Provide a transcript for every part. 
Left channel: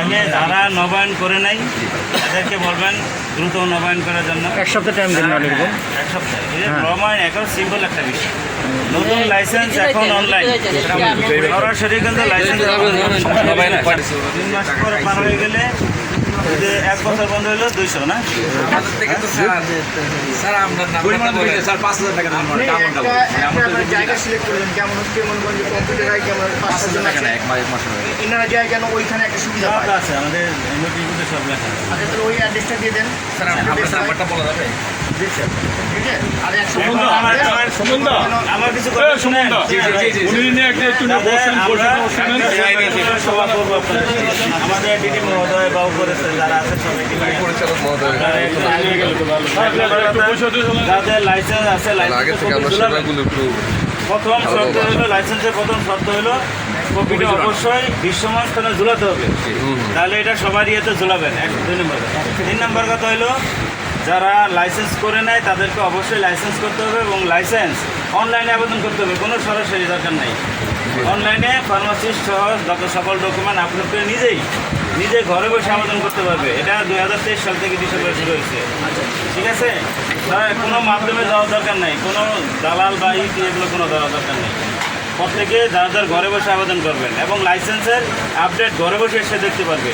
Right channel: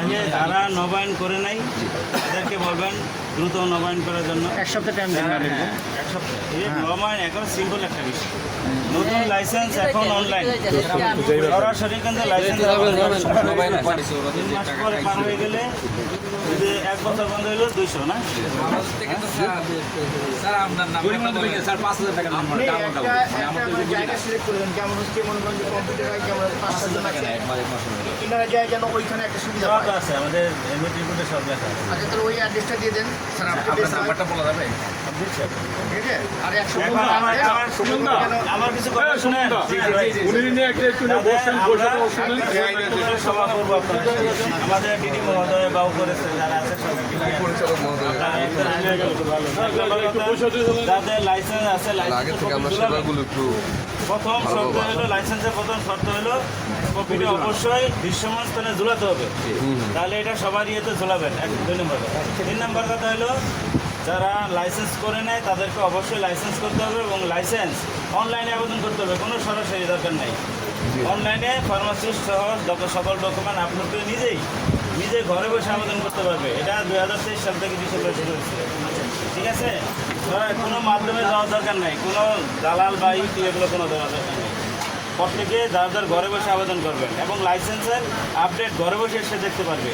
তাহলে যারা নবায়ন করে নাই তাদেরকে বলবেন দ্রুত নবায়ন করার জন্য। এক সপ্তাহ টাইম দিন না এরকম। এক সপ্তাহ নবায়ন এখন সিম্পল একটা বিষয়। নতুন লাইসেন্স এখন অনলাইন সরাসরি কিন্তু লাইসেন্স নবায়ন 3 মাস পরে পার হয়ে গেলে 1 বছর বন্ধ হলো 200 না স্যার আপনার নাম বলে স্যার 5000 টাকা দাম আমরা আমরা জায়গা সিলেক্ট করলেন কেমন হচ্ছে কেমনগঞ্জে কম্পিউটারাই কেমন 5 জন আছে এনারা যায় কেন ওইখানে একটা সুবিধা সব আছে আমাদের নোটিফিকেশনে সব লেখা আছে। আচ্ছা তাহলে ওই অ্যাড্রেসটা দিয়ে দেন স্যার আপনার নাম্বারটা বলা যাবে দিচ্ছি ঠিক আছে আর এখন আমার কিছু কথা শুনেন। আমাদের ডিডি মহোদয় বা উপরে যারা আছে সবাইকে নিয়ে তাদের লাইসেন্স আছে। প্রথম শর্ত হলো লাইসেন্সের প্রথম শর্ত হলো কপিটা অবশ্যই বিশ্বমান স্থানে ঝুলাতে হবে, তাহলে এটা সবার ইয়েতে ঝুলাবেন। 2 নম্বর। 3 নম্বর কথা হলো যারা লাইসেন্স করে নেয় তাদেরকে অবশ্যই লাইসেন্স করতে হবে এবং লাইসেন্স অনলাইনে আবেদন করতে হবে, কোনো সরাসরি দরকার নেই। অনলাইনে ফার্মাসিস্ট সহ যত সকল ডকুমেন্ট আপলোড করে নিজে ঘরে বসে আবেদন করতে পারবে। এটা 2023 সাল থেকে ডিসেম্বরে শুরু হয়েছে। ঠিক আছে, কোনো মাধ্যমে যাওয়ার দরকার নেই, কোনো দালাল বা এগুলো কোনো দেওয়ার দরকার নেই। প্রত্যেকে যার ঘরে বসে আবেদন করবেন এবং লাইসেন্সের আপডেট ঘরে বসে এসে দেখতে পারবে।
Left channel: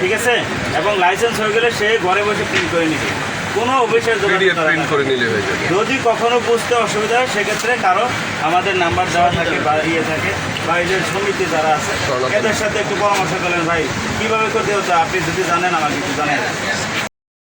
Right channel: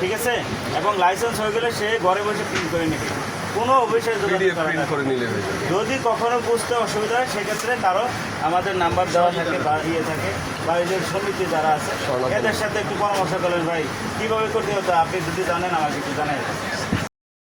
ঠিক আছে, এবং লাইসেন্স হয়ে গেলে সে ঘরে বসে প্রিন্ট করে নিবে, কোনো অফিসের যদি কখনো বুঝতে অসুবিধা হয় সেক্ষেত্রে কারো আমাদের নাম্বার দেওয়া থাকে বা থাকে বা এই যে সমিতি যারা আছে এদের সাথে একটু পরামর্শ করলেন ভাই কীভাবে করতে হতো, আপনি যদি জানেন আমাকে একটু জানাই।